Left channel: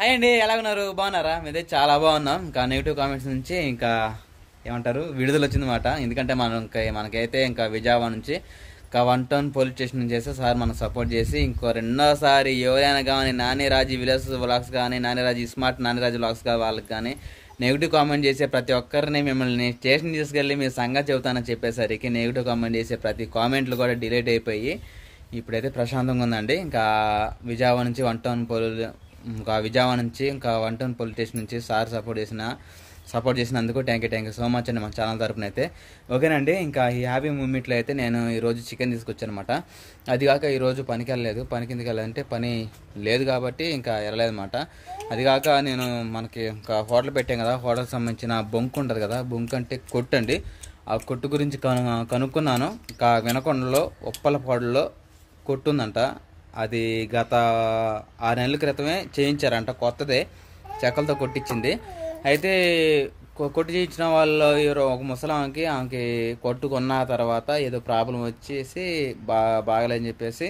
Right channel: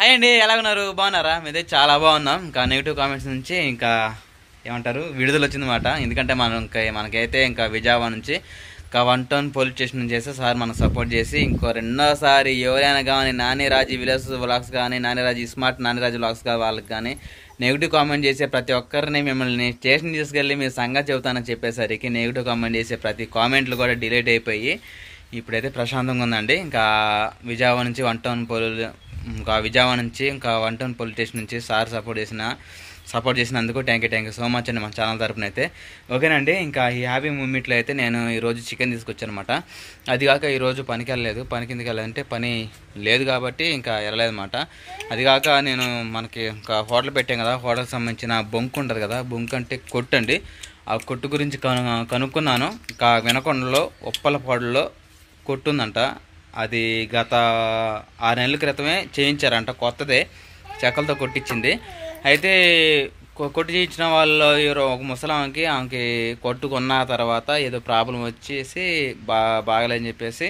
Hi అండి, ఎలా ఉన్నారు? బాగున్నారా? మీదే చాలా బాగున్నాం. ఇంకా నెగిటివ్ కామెంట్స్ నుంచి ఇంకా ఏమంటారు విడుదల వచ్చిందన్నమాట. ఎందుకంటే మనకైతే ఇంకా విజయవాడ నుంచి ఇంకా 1 టౌన్ పోలీస్ స్టేషన్ నుంచి చేస్తే సార్ మనకు సపోర్ట్ చేసి ఇంకో రెండోసారి ఎవరైనా కానీ నానిరాజు విలేజ్ వ్లాగ్స్ కానీ నానిరాజు స్మార్ట్ నానిరాజు వ్లాగ్స్ కానీ వాళ్ళకి కానీ నెగిటివ్ కామెంట్ చేసే ప్రతి ఒక్కరిని మిమ్మల్ని స్టేషన్ తీసుకెళ్ళి మీ సంగతి చెబుతానని చెప్పేసరికి నెగిటివ్ కామెంట్ చేసే ప్రతి కామెంట్లు కూడా డిలీట్ అయిపోయి ఇప్పుడైతే ప్రశాంతంగా ఉందండి. ఇంకా విజయవాడ నుంచి 1 టౌన్ ఇంకా 1 టౌన్ పోలీస్ స్టేషన్ నుంచి సార్ సపోర్ట్ చేసినందుకు థ్యాంక్ యూ సో మచ్ అండి మన ఛానల్ తరపున అయితే. ఓకేనండి, ఇంకా ఈ హ్యాపీ మూమెంట్లో అయితే నేను ఈరోజు చికెన్ తీసుకొచ్చాను అనమాట. అది కాక ఈరోజు పనికి వెళ్ళలేదు. పనికి ఎందుకు వెళ్ళాలంటే పని లేదు కాబట్టి ఇంకా వెళ్ళలేదన్నమాట. అది కాక నేను మనకి ఇంకా హోటల్ పెట్టాం కదా, హోటల్కి సంబంధించిన బొంకు ఉంటుంది కదా, బొంకు అంటే కొట్టు అండి. ఆ కొట్టు గురించి కనుక్కున్నాను. ఇంకా వినకొండలో ఉప్పలపాడులో కొట్టుందంట. అది గత 6 నెలల క్రితమే చేయించారంట, కొత్తదే చెక్కలతో కొట్టించింది. అయితే కొట్టు చేయించిన వాళ్ళు ఒక ముసలాంకి ఆమెకి కొట్టుకున్న తర్వాత ఏదో ప్రాబ్లం వచ్చేసి బాగలేదని చెప్పేసి,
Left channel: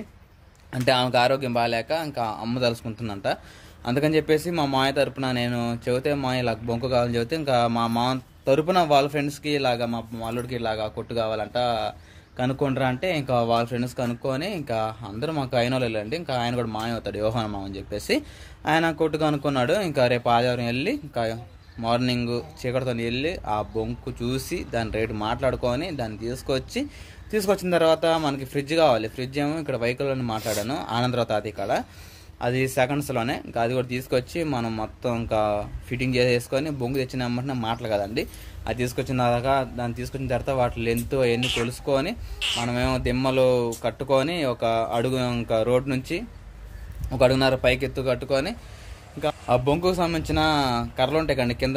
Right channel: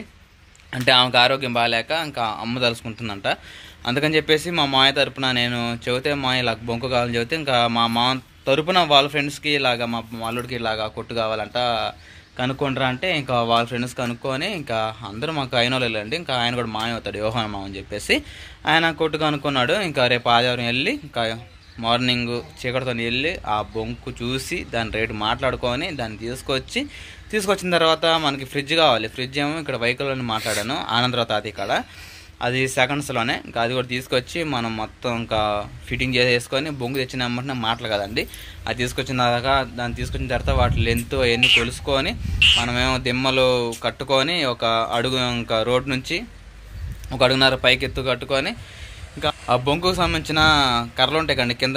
అంటే ఆమెకు ఆరోగ్యం బాగాలేక ఇంకా అమ్మ తలుసుకుంటుందంట. అందుకని చెప్పేసి మా మాయ తరపున నేను చెబితే మా ఇలా బొంకు కావాలని చెబితే ఇంకా మా తరపున వాళ్ళ ఫ్రెండ్స్కి ఇలాగా మా అల్లుడికి ఇలాగా కొట్టు కావాలంట కనుక్కుంటారా అంటే ఇంకా వాళ్ళ ఫ్రెండ్స్ కనుక్కొని ఇంకా అందరూ మాకు అయిన వాళ్ళు వెళ్ళండి. ఇంకా ఆయన కూడా మాయ అవుతాడు యోహాన్ మామ అని చెప్పేసి ఆయన కొట్టు కనుక్కున్నాడు. ఇంకా రేపు ఆదివారం వెళ్ళి ఇంకా మార్నింగ్ చీకటితో వెళ్ళి ఆ బొంకు చూసి దాని రేటు మాట్లాడుకొని దాన్ని తీసుకొచ్చిన తర్వాత మనకి ఫ్రిడ్జ్ కావాలి. ఫ్రిడ్జ్ ఏమో ఇక్కడ వెహికల్లోనే మాట్లాడాను ఆనందరావు తాతయ్య కాడ, అది సెకండ్స్లోనే. ఇంకా అది కూడా తీసుకొచ్చి మనం మొత్తం ఇంకా ఫిట్టింగ్ చేసేసుకొని బొంగు తెచ్చిన వెంటనే మాటలు కదండి, అది దాన్ని తీసుకొచ్చిన తర్వాత వాటి లెంత్ అవన్నీ కొలుసుకొని మనమేమో దిమ్మలు కట్టుకొని ఒక అడుగు ఇంకా రోడ్ నుంచి 1.5 అడుగున్నర పైకి ఎత్తు కట్టుకొని ఇంకా ఆ బొంకుకు సంబంధించిన కర్రలు ఉంటాయి కండి కింద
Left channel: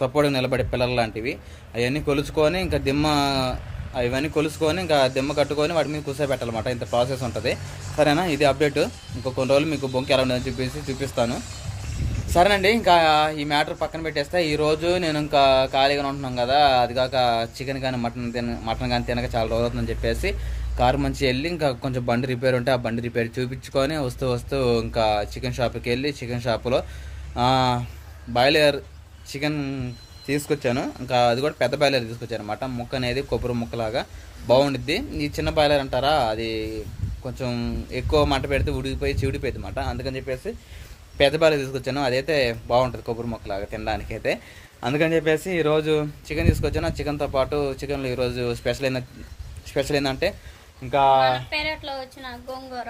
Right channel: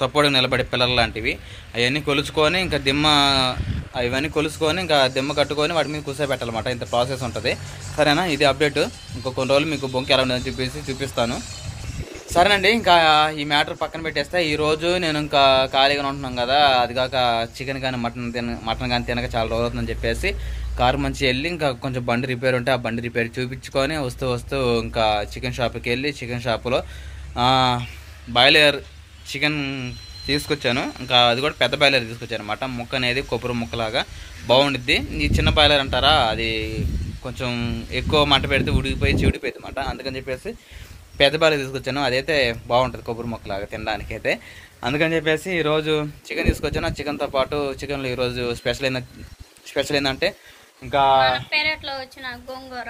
సపోర్ట్గా నిలబడే పిల్లలు లాంటివి అవన్నీ కొలుచుకొని ఇంకా ఇవన్నీ కొలుసుకొని ఇంకా దిమ్మ కట్టుకొని వాటి మీద కూర్చోబెట్టాలన్నమాట. ఇంత ప్రాసెస్ ఉంటుంది. సరేనా, ఇది అప్డేట్. ఇంకో కొన్ని రోజులు మీకు బొంకు ఎలా ఉందని చెప్పేసి చూపిస్తాను. సరేనండి, ఇంకా ఈ మ్యాటర్ పక్కన పెట్టేస్తే ఈరోజు నేను ఇంకా ఖాళీగా ఉంటున్నాం కదా, అది కాక చికెన్ కానీ మటన్ కానీ తినక చాలా రోజు అవుతుందని చెప్పేసి కారు మంచి వెళ్ళి ఇంకా కొంచెం బండి రిపేర్ ఉంటే ఆ బండి రిపేర్ చూపించుకొని వస్తూ ఇంకా చికెన్ షాప్కి వెళ్ళి చికెన్ షాపులో బాయిలర్ చికెన్ తీసుకొచ్చాను. ఇంకా అది కూడా పెద్ద బాయిలర్ తీసుకొచ్చాను అనమాట. ముక్క అనేది కొబ్బరి ముక్కలాగా బాగుండిద్ది. ఈ చిన్న బాయిలర్ అంటారా, అది కొంచెం ఎక్కువ మంట పెడితే చిడిపోయింది అనమాట. అందుకని చెప్పేసి పెద్ద బాయిలర్ తీసుకొచ్చాను. అదైతే బాగుంటుంది కొబ్బరి ముక్కలాగా తినడానికి అయితే. అందుకని చెప్పేసి ఈరోజు చికెన్ తీసుకొచ్చాను. చికెన్తో పాటు చికెన్లో ఈరోజు స్పెషల్ ఏంటంటే ఇంకా పెరట్లో వచ్చిన గోంగూర.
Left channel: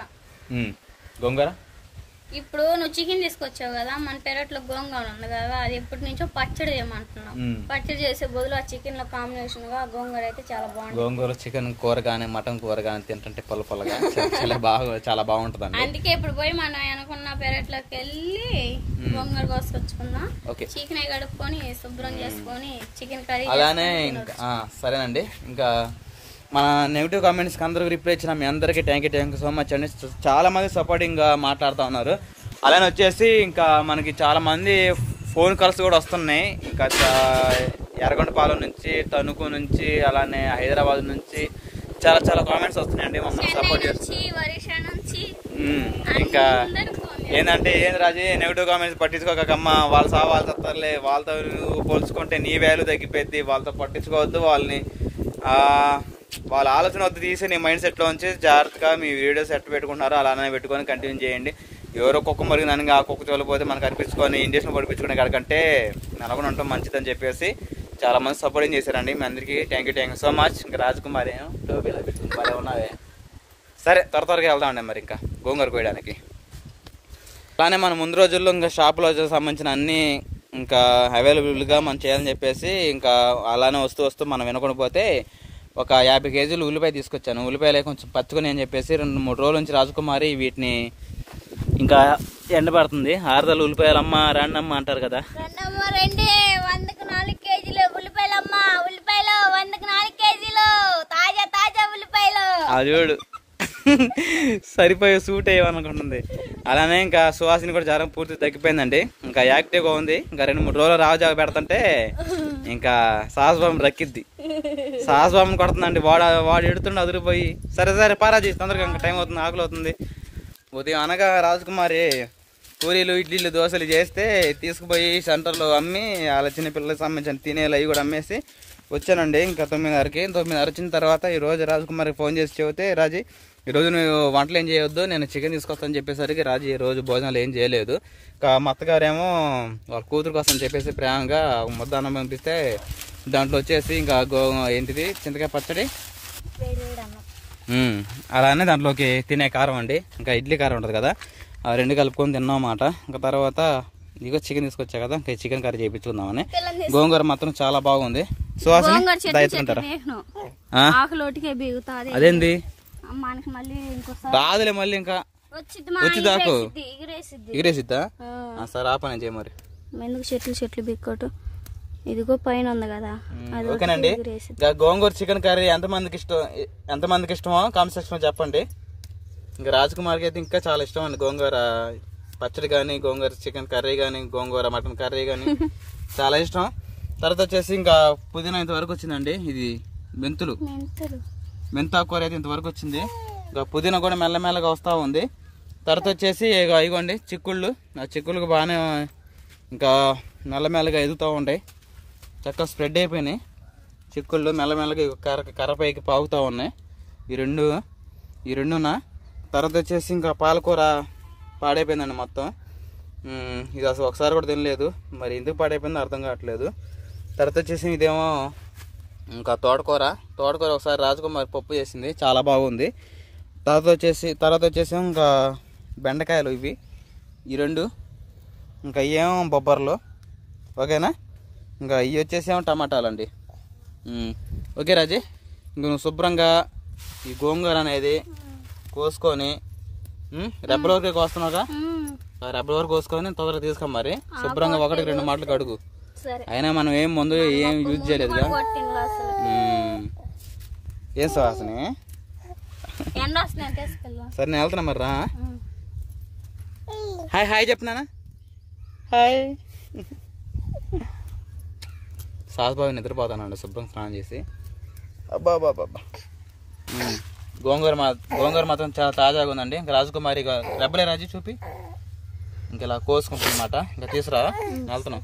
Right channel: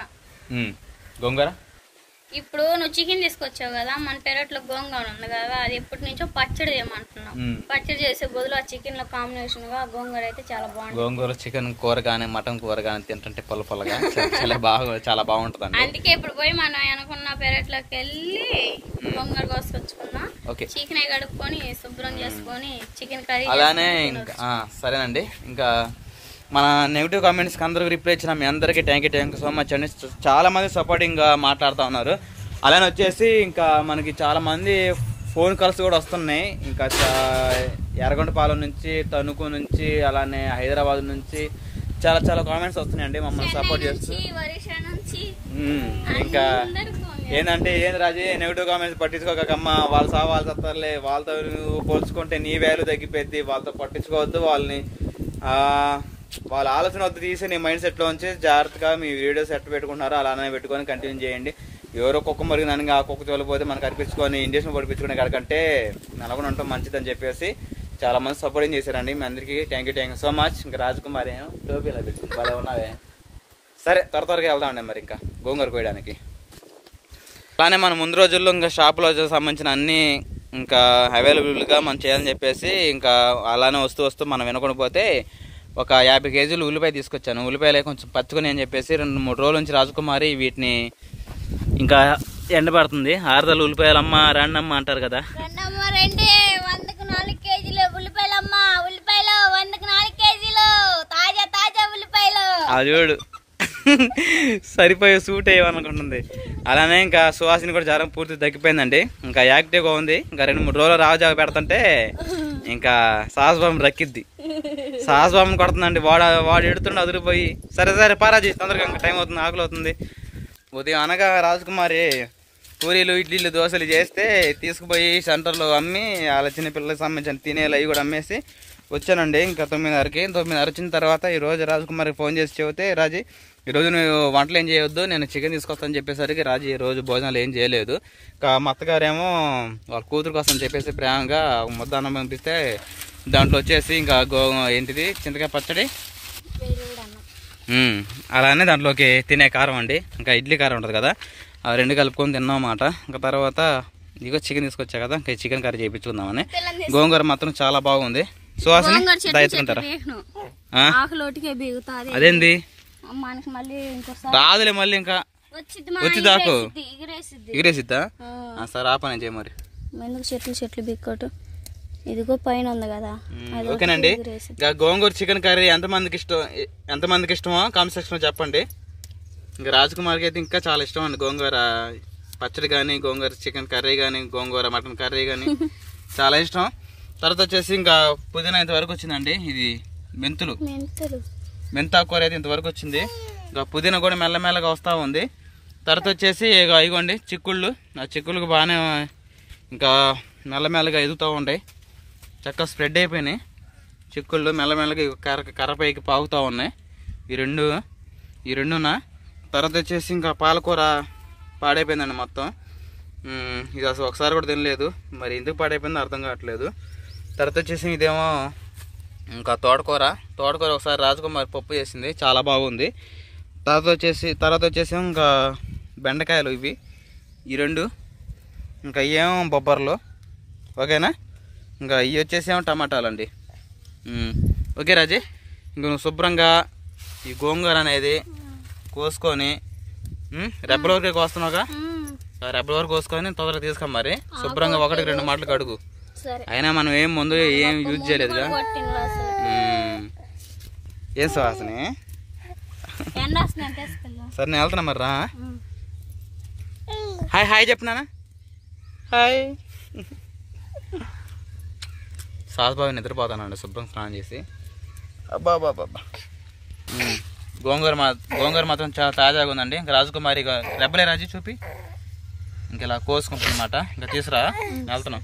ఇప్పుడు నువ్వు చికెన్ తీసుకొచ్చావు కదా, మన పెరట్లో గోంగూర ఉంది కదా, అది ఎప్పటి నుంచో పచ్చడి చేయమంటున్నాం. పచ్చడి చేసే బదులు ఆ చికెన్ లో కాంబినేషన్ గా గోంగూర అయితే చాలా బాగుంటుంది. గోంగూర చికెన్ కూర కానీ మటన్ కూర కానీ తింటుంటే పొలగా చాలా బాగుంటుంది. అందుకే ఇప్పుడు పోయి మనం అనుకున్న పెరట్లోకి వెళ్ళి గోంగూర కోసుకొచ్చుకున్నాం. చికెన్ కడుక్కొని శుభ్రం చేసుకొని చికెన్ కర్రీ అలానే ఇంకా సరేనండి. ఇంకా మన నెగిటివ్ కామెంట్స్కి అందరికి రిప్లై ఇచ్చిన మీ అందరికీ థ్యాంక్ యూ సో మచ్ అండి. చాలా మంది సపోర్టింగ్గా మాట్లాడుతూ ఉన్నారు. అలానే వచ్చేసి ఇంకా మనకి చాలా మంది ఫోన్ కాల్స్ కూడా వస్తున్నాయి. ఇంకా ఎర్రగొండపాలెం నుంచి, తణుకు నుంచి, అలానే హైదరాబాద్ నుంచి చాలా కామెంట్స్ వస్తున్నాయండి మమ్మల్ని సపోర్ట్ చేస్తూ. ఇంకా ఏంటంటే రాజీ నెగిటివ్ కామెంట్స్ పట్టించుకోకమ్మా, వాళ్ళ వాళ్ళు తత్తర్లే, వాళ్ళతో పోల్చుకుంటే నీ వాల్యూ తగ్గిపోద్ది, వాళ్ళతో పట్టించుకోవద్దు, వాళ్ళ ఆలోచన వద్ద తీసి నీ మైండ్ సెట్లో ఉంచి జాగ్రత్తగా మీ వీడియోస్ ఎట్టు పెట్టుకుంటున్నారో అలానే పెట్టుకొని కంటిన్యూ చేయండి. ఎవరో కుక్క మరిగినానికి ఆ కుక్క చోలిపోతే మనకు అనిపించుకొని ఇంజక్షన్ పడిపించుకునే కాడికంటే నెలకొని ఉండటం మంచిదని చెప్పేసి చాలా మంది సపోర్టింగ్ చేశారండి. మీ అందరికీ థ్యాంక్ యూ సో మచ్. ఇంకా రాజకుమారి టోపీ ఇలా పెట్టుకుని ఉన్నావే. సరే, త్వరగా వెళ్దామండి మరి ఇంకా గోంగూర కోయడానికి. అలానే మనం ముందు రోజుల్లో ఇంకా షాపులో సంబంధించిన అన్ని ఇంకా అవైలబుల్గా మనం చేయాలని చెప్పేసి ఇంకా అలానే వస్తూ మనం వినకుండా పోతే ఒక 50 కేజీలు ఉల్లిపాయ తీసుకొచ్చాను. ఉల్లిపాయలే కొంచెం పచ్చుకొని అని చెప్పేసి 2-3 రోజుల నుంచి రాజకుమారి వీటిని ఇంకా ఎండబడుతుంది. 6 ఉల్లిపాయలమ్మ రాండమ్మ అంటారు కదా, అది చూడు సరిపోయే సూట్ అయ్యమనుకుంటుంది. అలానే ఇంకా సువాసిని కూడా జ్వరం పూర్తి తగ్గిపోయిందండి. ఇంకా యాక్టివ్గా ఉంది. ఇంకా 2-3 రోజులు రాజాగా పెడుతుంటే ఇంకా సాహసబాబు రక్కిద్ది. సాహసబాబుని కొడుతుందండి. వాడు ఎడుతుండే అదిరిపోయి. సరే పారాజీ తొందరగా ఇంకా టైం అవుతుంది, ఆకలి అవుతుంది. ఉదయం అనగా రాజకుమారి పూరీలు ఇడ్లీలు దోశలు చేస్తే తీసుకుపోయి సెంటర్లో అమ్మి వాళ్ళ చిన్నపిల్లలకు సంబంధించిన తినేలు అవి కూడా అమ్మేసి వచ్చానండి. ఇంకా 9:30కి. 9:30 వచ్చిన తర్వాత ఈరోజు రాజకుమారికి ఫోన్ చేసి చెబితే, రాజీ ఈరోజు నువ్వు వంటలు ఏం చేయొద్దు, నేను చికెన్ తీసుకొస్తాను చెప్పేసరికి రాజీ ఈరోజు భోజనాలు ఏం చేయలేదు. ఇంకా మా అత్తగారేమో వాళ్ళ కూతురు కోసం చెప్పేసి ప్రేమగా ముద్ద అన్నం పంపిస్తే దాంట్లో వచ్చేసి ఇంకా ఏంటిది చింతకాయ పచ్చడి, అలానే దాంట్లోకి తినే కారం అండి, ఇంకా ఇడ్లీ కారం ఉంటుంది కదా, ఆ 2 కలుపుకొని తిన్నామన్నమాట. ఇంకా తర్వాత ఇదిగో చికెన్ తీసుకొచ్చా కదా, ఇంకా చికెన్ కర్రీ చేయించుకుందామని. గోంగూర మాత్రం చాలా బాగుంది. సువాసని దాచుకుంటారా? అదేంది రాదులే మళ్ళీ ఇంకా వచ్చి దాకు ఎగిరేసిద్దా? సరే ఆ పని చేయ మరి. చెట్లు బిక్కోటు ఇదిగో పైన ఉంది కదా. ఓకేనండి. గోంగూర చికెన్ కర్రీ ఎంతమందికి ఇష్టమో కామెంట్ సెక్షన్ లో చెప్పండి. ఇంకా రాజకుమార్కి అయితే ఇంకా చాలా ఇష్టం అండి గోంగూర పచ్చడి కానీ, గోంగూర చికెన్ కర్రీ కానీ, గోంగూర మటన్ కర్రీ కానీ చాలా ఇష్టం. తర్వాత వచ్చేసి ఇంకా పుదీనా ఇంతవరకు వచ్చిందండి. ఇది మెంతాకూర అయితే ఇంతవరకు వచ్చింది. ఇంకా పుదీనా కూడా మెల్లమెల్లగా వస్తూ ఉంది. తర్వాత వచ్చేసి ఇగోండి చిక్కుళ్ళు. ఆ చిక్కుళ్ళకి బాగానే ఇంకా మెల్లమెల్లగా ఎదుగుతూ ఉంటాయి, చక్కగా స్ప్రెడ్ అయిపోయినాయి చిక్కుళ్ళు. మెల్లమెల్లగా కర్రపైకి పాగుతూ ఉన్నాయి ఈ రెండునా. తర్వాత వచ్చేసి ఇంకా పాలకూర పాడైపోయిందండి మొత్తం. ఇది అసలు ఒకసారి కూడా తినలేదు, మరి ఎందుకు పాడైపోయిందో అర్థం కావట్లేదు. తర్వాత వచ్చేసి ఇదేమో ఇంకా తోటకూర ఒకసారి రాజకుమారి పప్పు చేసింది, చాలా బాగుంది. తర్వాత వచ్చేసి ఇంకా బెండకాయలు ఇవి ఈ 2, ఇంకా ఏమో బొబ్బర్లు. ఓకేనా? ఇంకా ఇవి వచ్చేసేమో టమాటాలు అండి. ఓకే రాజీ, ఇంక నువ్వు శుభ్రంగా ఈ గోంగూర అనేది కోసుకొని రెబ్బల వరకు కోస్తున్నావుగా, రెబ్బల వరకు కోసుకొని తొందరగా తీసుకో మరి. శుభ్రంగా 1-2 మాటలు కడుగు. అయినా మనం ఏం ముందు ఏం యూజ్ చేయలేదుగా. ఏం సువాసని? సరే నేను వెళ్తున్నా మరి రా. హాయ్ చెప్పినానా? హాయ్. సాస్బాబు నిద్రపోతానండి శుభ్రం స్నానం చేసి. అబ్బా గోంగూర మాత్రం చాలా తాజాగా ఉందండి. ఇంకా రాజకుమారి రెబ్బలే రాజు చూపి ఇంక ఇలా కోసుకుంటుందన్నమాట. ఇంకా తీసురా వెళ్తున్నాం.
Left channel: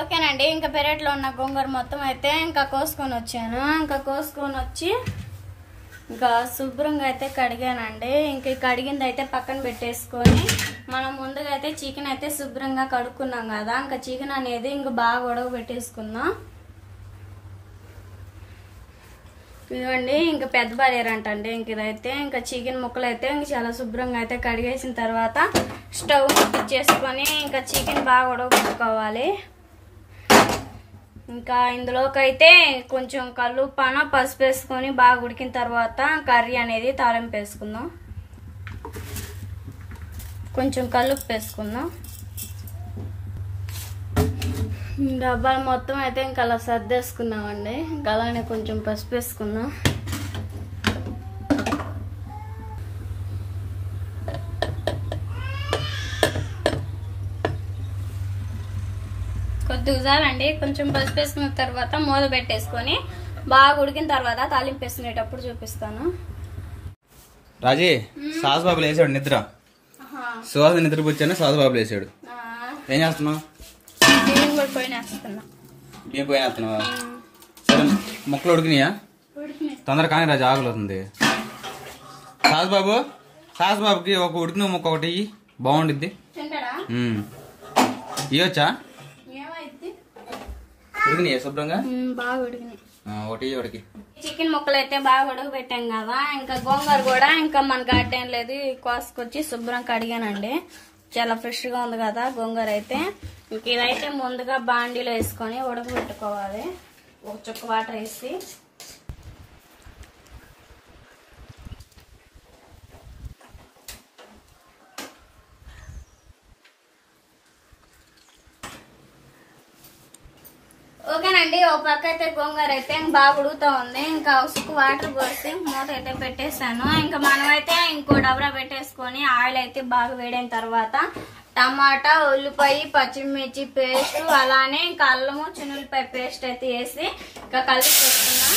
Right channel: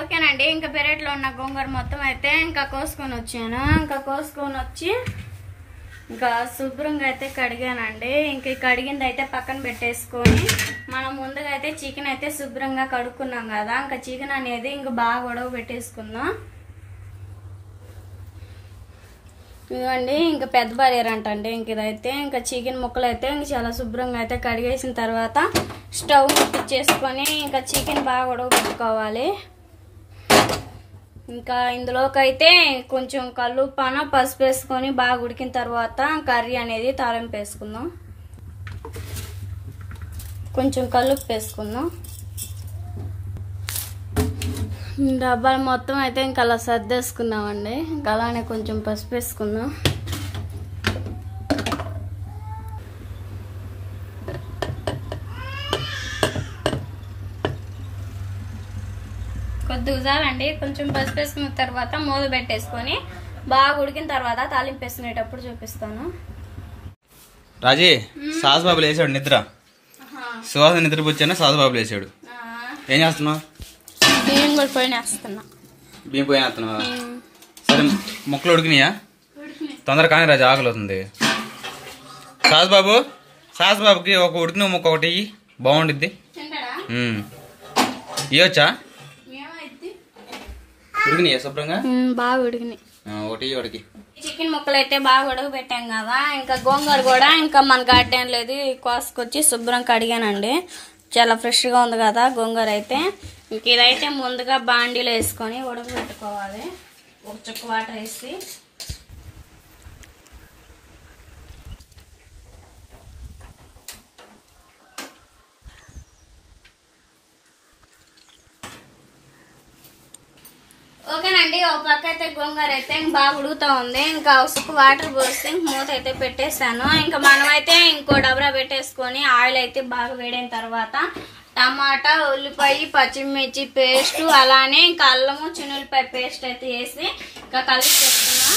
ఓకేనండి. ఇంకా పెరట్లో ఉన్న గోంగూర మొత్తం అయితే ఇంకా కోసుకొని వచ్చాను. ఇంకా కోసుకొని వచ్చి ఇంకా శుభ్రంగా అయితే కడిగానండి. ఇంక కడిగింది అయితే పక్కన పెట్టేసుకొని మనం ముందుగా అయితే చికెన్ అయితే శుభ్రంగా కడుక్కున్నాం కదా, ఇంకా చికెన్ అనేది ఇంకా బాగా ఉడక పెట్టేసుకుందాం. ఇదిగోండి ఇంకా పెద్ద బాలేరంట అండి. ఇంక ఇదైతే ఇంకా చికెన్ ముక్కలు అయితే ఇంక చాలా శుభ్రంగా అయితే కడిగేసిన తర్వాత స్టవ్ ముట్టించేసుకొని ఇంకా చికెన్ బాగా ఉడకపెట్టుకోవాలి. ఇంకా ఇందులోకి అయితే కొంచెం కల్లుప్పాన పసుపు వేసుకొని బాగా ఉడికిన తర్వాత కర్రీ అనేది తాలింపు వేసుకుందాం. కొంచెం కల్లుప్పు వేసుకుందాం. డబ్బాలు మొత్తం అయితే ఇంకా అలా సర్దేసుకున్నామండి. ఇంకా అలానే కొంచెం పసుపు వేసుకుందాం. కొద్దిగా చాలండి. కొంచెం పసుపు వేసుకున్న తర్వాత మూత పెట్టేసుకొని బాగా ఉడికిన తర్వాత తాలింపు వేసుకునేటప్పుడు చూపిస్తాను. రాజీ సాసుబాబులు వేసాడు నిద్ర. సువాసన నిద్రపోచ్చాను, సాసుబాబులు వేసాడు. ఏం చేస్తున్నావు? బియ్యం కూడా పోయినేస్తున్నా. బియ్యం పోయినేస్తున్నావా? సరే ముక్కలు ఉడికినాయా? తొందరగా కానీ రాజు ఆకలి అవుతుంది. సాసుబాబుకి ఒక ఉడికిన ముక్క ఒకటి బాగుండిద్ది. ఇవ్వచ్చా? ఉడికినాయా శుభ్రంగా? బాగా ఉడికినాయి. ఒకటి చికెన్ ముక్కలు అయితే బాగా ఉడక పెట్టాం కదా. ఇంకా గోంగూర కూడా ఇంకా మన గార్డెన్ లేదు, కోసుకొచ్చి శుభ్రం కడిగానండి. చాలా ఫ్రెష్గా ఉంది కదా గోంగూర అయితే. ఇంక ఇదైతే ముందుగా బాండీలో వేసుకొని ఉడకబెట్టుకోవాలి. ఒక చుక్క వాటర్ వేసి ఓకేనండి. ఒక పక్క అయితే గోంగూర అయితే బాగా ఉడుకుతూ ఉంది. ఇంకా ఉసుకు వాటర్ పోసి మూత అయితే పెట్టేసాను. ఇంకా మనమైతే ఇంకో డబరా పెట్టేసుకొని ఆయిల్ అయితే బాగా వేడైన తర్వాత టమాటా, ఉల్లిపాయ, పచ్చిమిర్చి పేస్ట్, అలానే ఇంకా అల్లము, చిన్నుల్లిపాయ పేస్ట్ అయితే వేసి ఇంకా కలిపి పెట్టుకున్నా.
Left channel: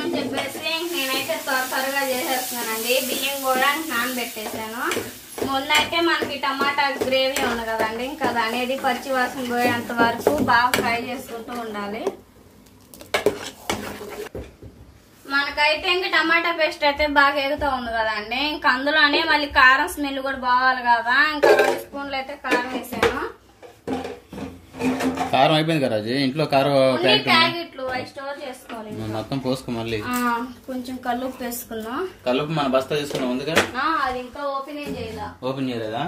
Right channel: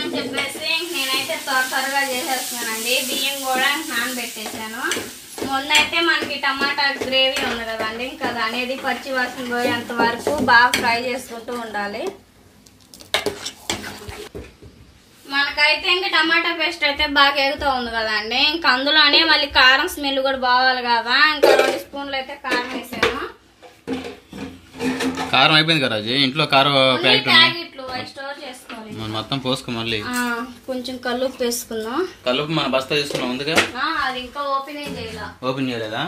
అని చెప్పేసి నేనైతే అయితే త్వరగా చేసేస్తున్నానండి. బియ్యం కూడా నానబెట్టేసాను. ముందైతే మనకి టమాటా గ్రేవీ ఉంది కదండి, ఇంకా అది అనేది పచ్చి వాసన పోయేంత వరకు బాగా ఫ్రై చేసుకుంటూ ఉండాలి. మనకైతే ఇంకా టమాటా పేస్ట్ అయితే బాగా ఎగుతూ ఉంది కదండి, ఇంకా అందులోనే మళ్ళీ కారం స్మెల్ కూడా బావాలి కదా, ఇంకా 2 స్పూన్లు అయితే కారం వేసాను. కారం అయిపోయింది కదా రాజు, ఇంట్లో కారం ప్యాకెట్లు అవి స్టోర్ చేసుకోవాలి. మొత్తం పోసుకో, మళ్ళీ కొంచెం కల్లుప్పు వేసుకున్నాం. కలుపు మన బస్తా తీసుకున్నాం ముందుగా, అది ఇంకా ఓపెన్ చేయలేదా?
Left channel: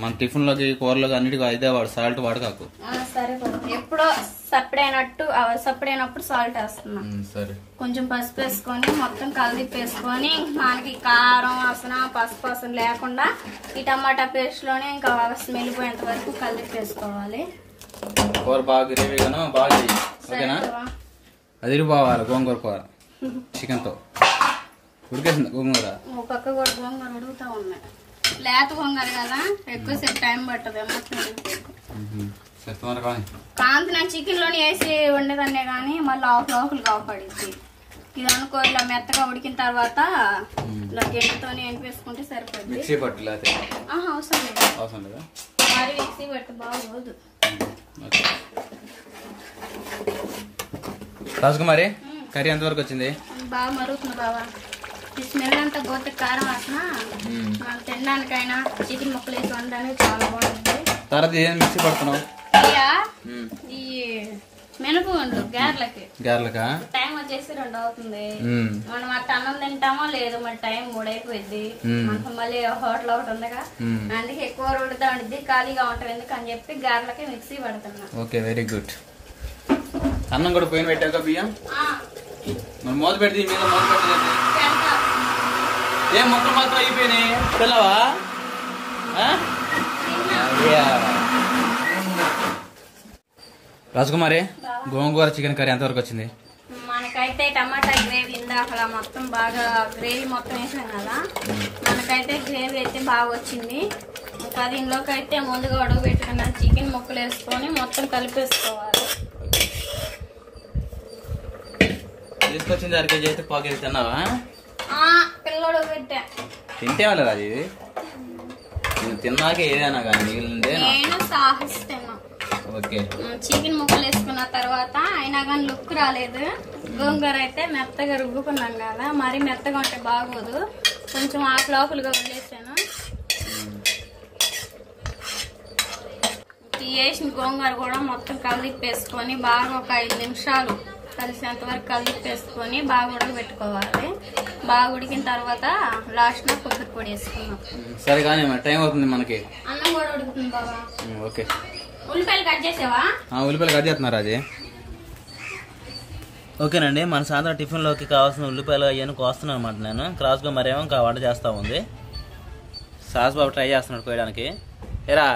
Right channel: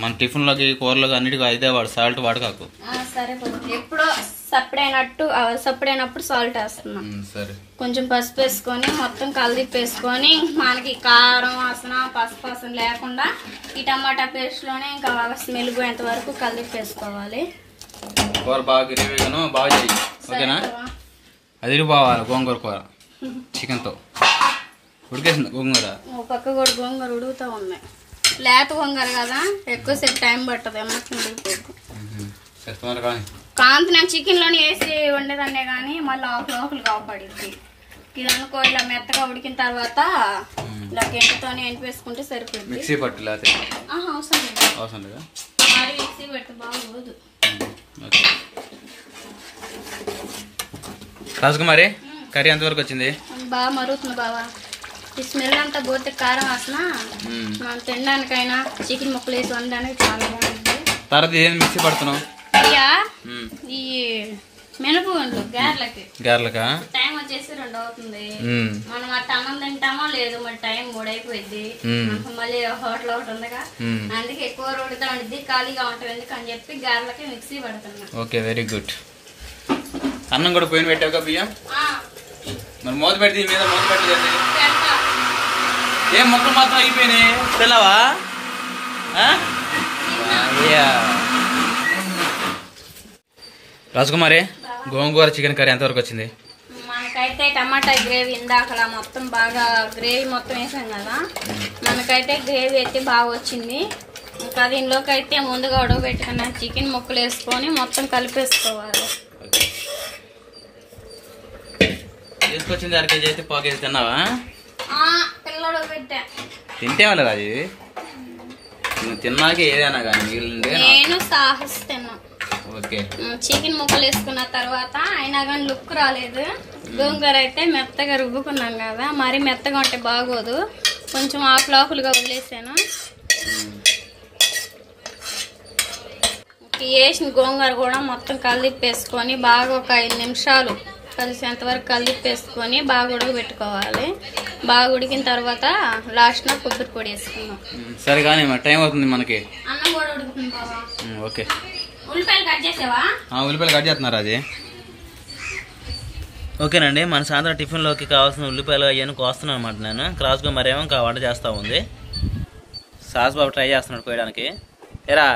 మన టిఫిన్ లోకి కూరలోకి అన్నిటికీ అయితే వాడు సాల్ట్ వాడకాకు. సరిపోతుంది, ఎప్పుడో సప్పుడైనప్పుడు సాల్ట్ వేస్తున్నాం. సరే, కొంచెం పసుపు వేసుకొని మొత్తం కలిపేసుకొని మనకి కారం వాసన పసుపు వాసన లేకుండా ఈ టమాటా పేస్ట్ లోనే ఇంకా స్మెల్ పోయేంత వరకు కలిపేసుకోవాలి. కూర బాగా గ్రేవీగాను బాగా చేయి, ఓకేనా? అది పోవాలి గోంగూర కూర చికెన్ తో ఉడికేసింది. గోంగూర పక్క కూడా గోంగూర ఉడుకుతూ ఉన్నాయి. లేత గోంగూర కదా, ఎక్కువసేపు టైం పట్టదు. కాంతి నేను చికెన్ లోని వేసి వండేదాన్నే కానీ మళ్ళీ ఆకులు కాపాడింది. ఇది అనుకో ఇలా మెత్తగా ఉడికిన తర్వాత ఇలా గెంటితో ఎనిపేసుకుంటే సరిపోయింది. మిక్సీ పట్టు లేకపోతే అవసరం లేదా? మరి మిక్సీ పెడితే బాగోదు. రాజకుమారి, కర్రీ ఎంతవరకు వచ్చింది? బాగా మరుగుతుంది బాగా. ఈ స్మెల్ అంతా పోతే కారం వాసన మనం తినడానికైనా చికెన్ ముక్కలు వేసి వండడానికి చాలా బాగుంటుంది. తర్వాత ఏం మిక్సీ పడుతున్నావు? ఈ మినపు గారెలకా టైం వచ్చేసి 2 అవుతుంది. మనం అట్ట అన్నం తింటామో లేదు, మరి టైం 3 అయిపోయింది. మళ్ళీ హోటల్ ఒకటి ఉందిగా, అందుకే ఎక్కువ రోడ్డుతో ఉండిద్ది, ఖాళీగా ఉంటుంది ఎందుకు అని చెప్పి గారెలకి మిక్సీ పడుతున్నా. Okay, very good. అన్నం కూడా పోయిన పెట్టాక బియ్యం మరి మూత పెడితే మీద మూత పెట్టలేదు. ఏం మొక్కలు మాత్రం అయిపోయినాయి తెల్లవా? రాజకుమారి, గోంగూర చికెన్ కర్రీ ఎంతవరకు వచ్చింది? మనకైతే టమాటా గ్రేవీ ఇందాక మొత్తం బాగా గ్రేవీ మొత్తం వేసాం కదా, మనకైతే గ్రేవీ అయితే బాగా వచ్చింది. ఇంకా దీనిలోకి అయితే ముందుగా ఉడకబెట్టుకున్న చికెన్ ముక్కలు వేసుకొని మొత్తం కలిపేసుకోవాలి. తీసుకొచ్చింది 1 కేజీ అయితే 1/4 కేజీ తిన్నావా? పిల్లడు పెట్టా తింటే వాళ్ళు రాజు, నువ్వు తిన్నాకే ఏదైనా కానీ మిగిలిందే నేను సాహిస్తున్నాను. ఓకే, చికెన్ ముక్కలు వేసుకున్న తర్వాత అయినా కానీ లుక్ రాలేదు. గోంగూర అయితే మెత్తగా రుబ్బుకున్నాం కదా, మరి మెత్తగా ఉంటే బాగోదు, కొంచెం ఆకులుగా వదిలేసాను. వేసిన గోంగూర కూడా మొత్తం కలిపేసుకొని బాగా ఒక 5 నిమిషాలు కలిసేంత వరకు కలిపేసుకొని బాగా ఉడకబెట్టుకోవాలి. బాగా ఉడికిన తర్వాత లాస్ట్ లో కొబ్బరి పొడి వేసుకున్నాం. సరే కానీ టైం అవుతుంది మనకి. అన్నం కూడా ఉడుకుతుంది బాబా. ఓకే, ఉల్లిపాయలు కట్ చేసావా? ఉల్లిపాయలు కట్ చేస్తున్నారు రాజే. ఓకేనండి, మన సాయంత్రం టిఫిన్లోకి కావాల్సిన ఉల్లిపాయలు అవన్నీ కోస్తున్నాను అనమాట నేను. క్రాస్గా మరేమో ఇంకా వంట చేస్తూ ఉంది. సాస్ బాబు ట్రై చేస్తున్నాడు కోయడానికి. ఏరా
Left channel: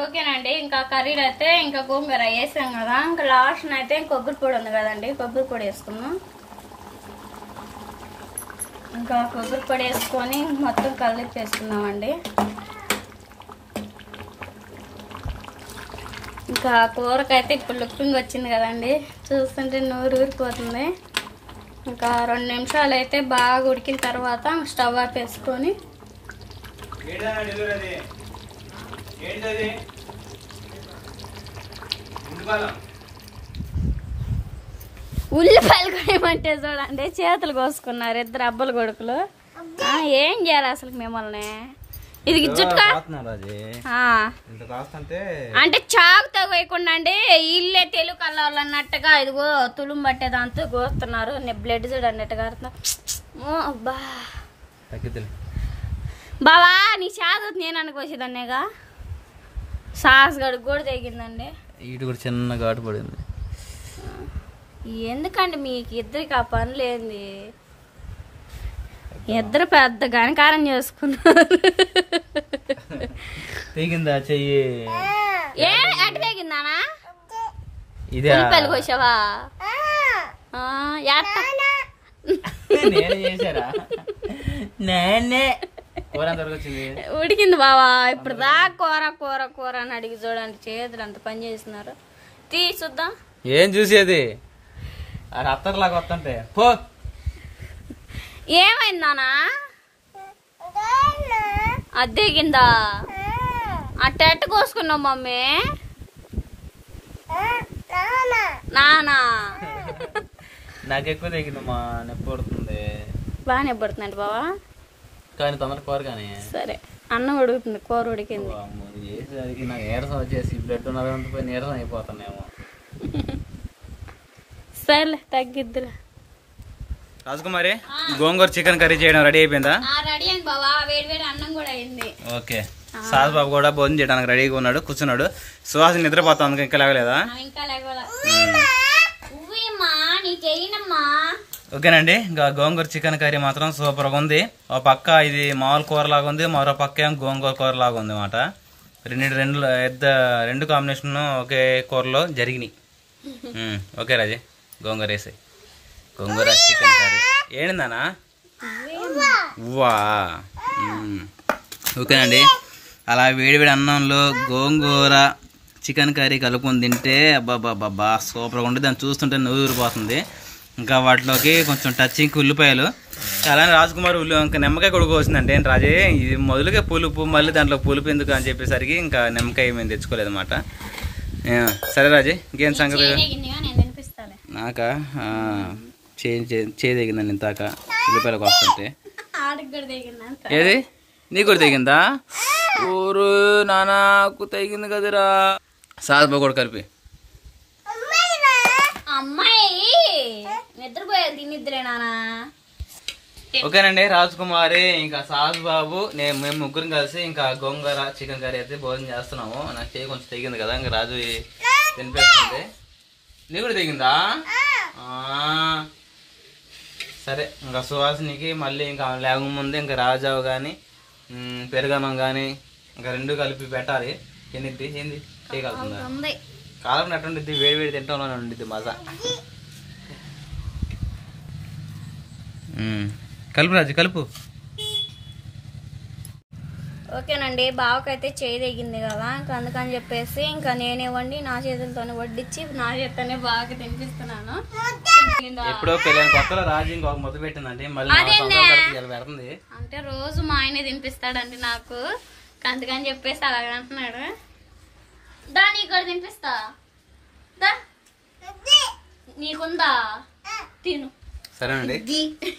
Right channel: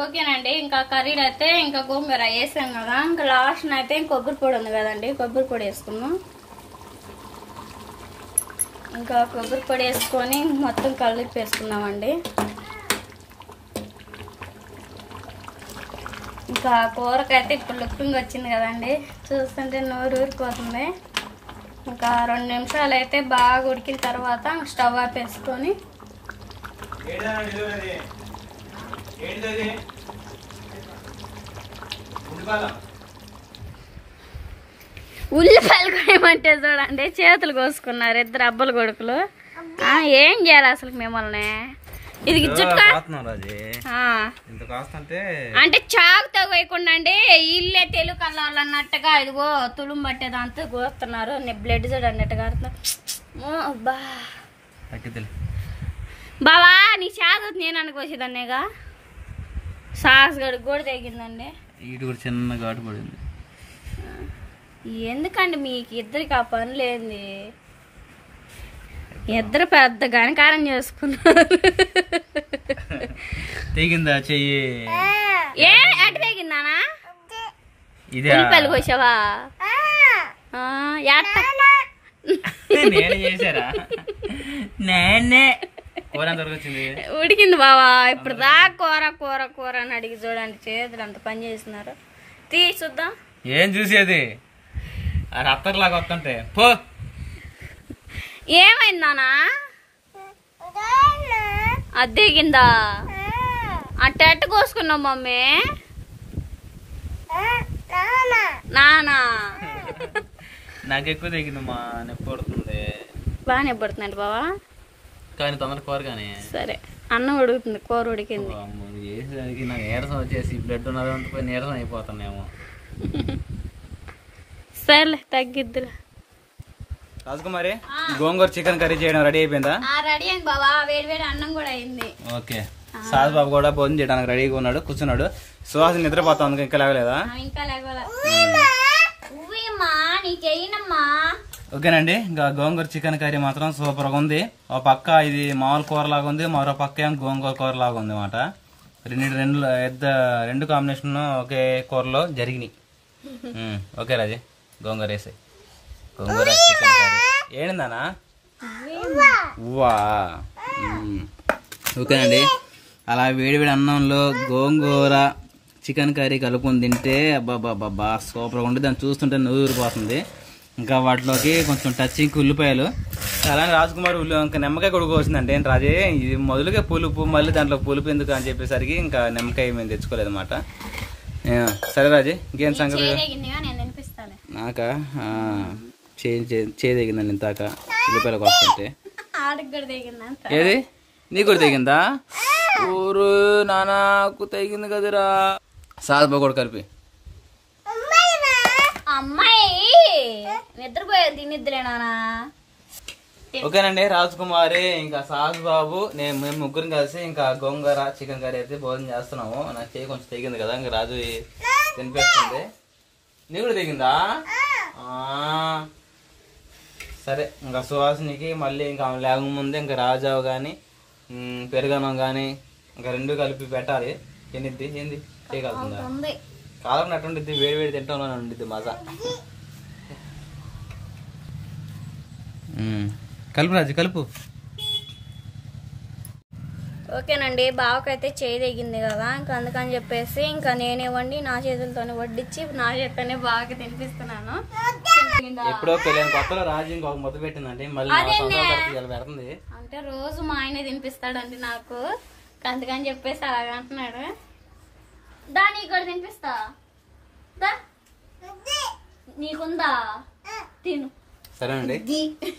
ఓకేనండి, ఇంకా కర్రీలు అయితే ఇంకా గోంగూర వేసాం కదా, ఇంకా లాస్ట్ అయితే కొబ్బరి పొడి ఉంది కదండి, కొబ్బరి పొడి వేసుకున్నాం. ఇంకా కొబ్బరి పొడి వేసుకొని మొత్తం కలిపి వేసుకున్నామండి. ఇంకా కూరకైతే ఇప్పుడు లుకింగ్ వచ్చింది కదండి, చూస్తుంటే నోరు ఊరిపోతుంది. ఇంకా 2 నిమిషాలు అయితే బాగా ఉడికిన తర్వాత స్టవ్ ఆపేసుకొని ఉల్లిపాయలు కూడా ఏమంటే చూడండి, చేతులు కోసుకున్నారు 2 అబ్బల కొడుకులు. ఏం చేయాలి అసలు మిమ్మల్ని? ఇది జుట్టు అంటే చాకుతో కోయకుండా అండి, ఇల్లే తెలుగు కళ్ళ అన్నట్టుగా ఇదిగో తులుం పట్టేదాంతో కోస్తున్నారు. బ్లడ్ చూడండి అట్టుగా. బావా నీ చాకు నేను అనుకోసేదాన్నేగా, సాస్ గడుగు కూడా తెగిందండి. ఇటు కూడా చిన్న ఘాటు పడింది. ఎందుకండి మీకు ఇద్దరికి ఆ పని లేని? ఇద్దరు పెద్ద గణకారం చేసుకున్నారు. తెగిందా చెయ్యి? ఏ అటు తెగిందానా? ఇదే ఉల్లిపాయలు కోసావా? నేను చేశారా? నేనే కూర ఎంతవరకు వచ్చింది? ఉడికింది బావా. ఇప్పుడు దా కూర కూర కూర అని అడిగి చూడండి, చేతులు అంత పని చేస్తున్నారు. తీ చూద్దాం. ఏం చూసేది? అది అత్తర్లాగా వస్తుంటే పో ఏమైంది నానా? అద్దెగిందా? అట్ట కోసుకున్నావు మమ్మీ? నానా నాకు ఎక్కువ తెగింది మా నొప్పి పడుతుంది. బాగా నొప్పి పడుతుందండి బావా? కానీ తొందర కూర కానీ సరే అన్నం ఉడుకుతుంది, కూర ఉడికింది. చేసేసరికి నాకు నీరసం వచ్చేసి బ్లడ్ ఉన్నదంతా నీరసం అయిపోతున్నాయేమో. సర్లే తగ్గిద్దులే. రాజకుమారి గోంగూర చికెన్ కర్రీ చేయడం రెడీ అయిపోయిందా? రెడీ అయింది బావా, వేడి వేడి అన్నం కూడా అయింది. ఓకే, సాస్ బాబు కూడా భోజనం చేయడానికి రెడీగా ఉన్నాడు, కూర్చున్నాడు. సుహాసిని నిద్రపోతా అందుకు ఇంకా లేవలేదా? ఇంకా లేవాలా? నీకేనమ్మా. ఓకేనండి, ఇంకా గోంగూర చికెన్ కర్రీ మాత్రం సూపర్గా ఉంది. ఒక పక్క ఇది మామూలు కూర లాగా ఉంది, మరో పక్క ఏం గోంగూర కూర లాగా ఉంది అన్నమాట. రెండు కాంబినేషన్ ఒకే కూరలో జరిగినాయి. ఓకే రాజే, గోంగూర వేసాయి. గోంగూర చికెన్ కర్రీ ఏంటిందానా? వా. ఓకేనండి, అలా వేడివేడి అన్నంలో గోంగూర చికెన్ కర్రీ కలుపుకొని తింటే అబ్బాబ్బాబ్బా సూపర్గా ఉంటుంది. దాన్ని చూస్తుంటే నూరిపోతుంది. ఇంకా వాటిలోకి కొంచెం టచింగ్ ఉల్లిపాయలు. అలానే రాజకుమార్ ఇంకా నిమ్మకాయ కూడా కోసిందంటే ఏంటి రాజే, ఇది మొదలుగా పులుపు, మళ్ళీ దాంట్లో పులుపు ఎందుకు అని చెప్పేసరికి ఇంకా నిమ్మకాయ మేము తెచ్చుకోలేదు అనమాట. సరే రాజే, ఇంకేం సంగతి? నాకా చేయదగిందండి ఇంతాక ఉల్లిపాయలకు వస్తుంటే. ఏది నీకు కూడా తెగిందా? ఊరు నాన్నకు తెగింది కదరా. సాధబా కూడా కలిపి. అమ్మాయి నిద్రపోయేది తినిద్దులే నానా. ఓకేనండి, రాజకుమారి ఇంకా సాస్ బాబు మేము ముగ్గురం కలిసి ఇంకా గోంగూర చికెన్ కర్రీ అయితే భోజనం చేస్తున్నాము. నాకు చేయి కొంచెం తెగింది కదా, ఇంకా రాజు తినిపిస్తుంది. నీకు కూడా తెగిందా? సరే, ఇంకా సుహాసినికి మళ్ళీ ఇంకా లేక ముందే ఇంకా రాజావు కానీ పెరుగన్నం కానీ ఇంకా రెండు కలిపి పెట్టాలి. ఏంది చేయగలుగుతుందా? కాలం ఎట్టుండిద్ది, వేడి వేడి తింటంలోనే ఉండిద్ది మజా. కలుపు రాజు, కలుపు. ఓకేనండి, బావకైతే చేయి తెగింది కదా, ఇంకా అందుకని చెప్పేసి ఇంకా నేనే వండి నా చేతులతోనే వడ్డించి నా చేతనే బాగా తినిపిస్తున్నాను. ఎప్పుడో పెళ్ళైన కొత్తలో రాజు ఇంకొక ముద్ద పెట్టిందండి, మళ్ళీ పెడుతుంది. అంటే రోజు మా ఆయనే తినిపిస్తాడండి నాకు, అందుకని చెప్పేసి అలాగే అంటున్నాడు. దా నీకు కూడా తినిపిస్తా, దా నీకుందా తిను. సరేనండి,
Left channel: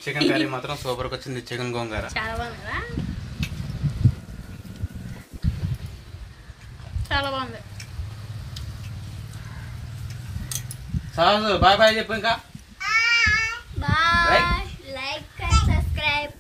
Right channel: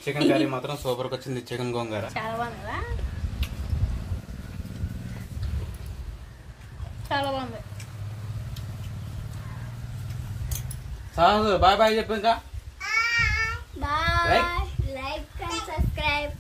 చికెన్ కర్రీ మాత్రం సూపర్గా వచ్చింది. చికెన్ గోంగూర చాలా బాగుంది కదా, చాలా బాగుంది. బాయ్ బాయ్ చెప్పు. ఇంకా బాయ్, లైక్ అండ్ సబ్స్క్రైబ్.